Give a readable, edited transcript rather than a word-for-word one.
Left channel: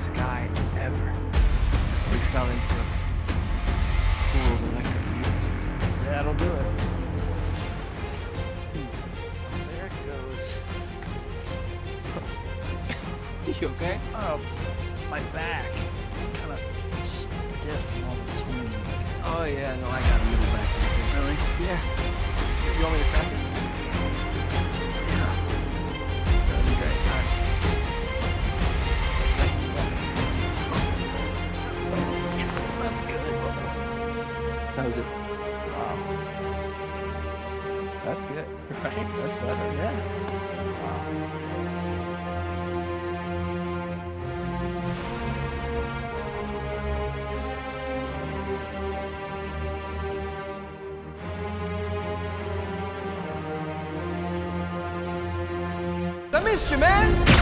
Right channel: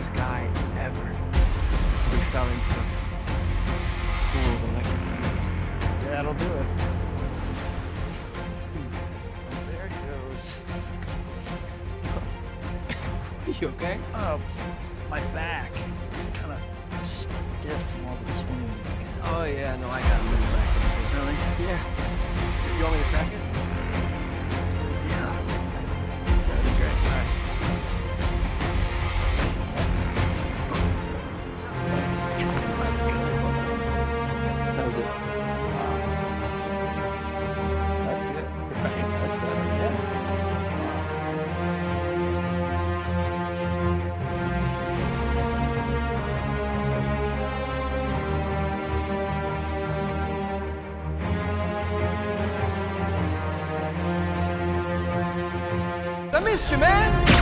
smartest guy ever before he fell into a pool of electric eels. That'll do it. Oh, there it goes. You okay? Oh, my back. It's kind of stiff from all the swinging, I guess. Oh yeah, no, I got a middle back in too. Really? Yeah. You want me to crack it? Yeah. That'd be great. All right. That's good. That was it. Wow. That's good. Right? That's better, yeah. I missed you, man.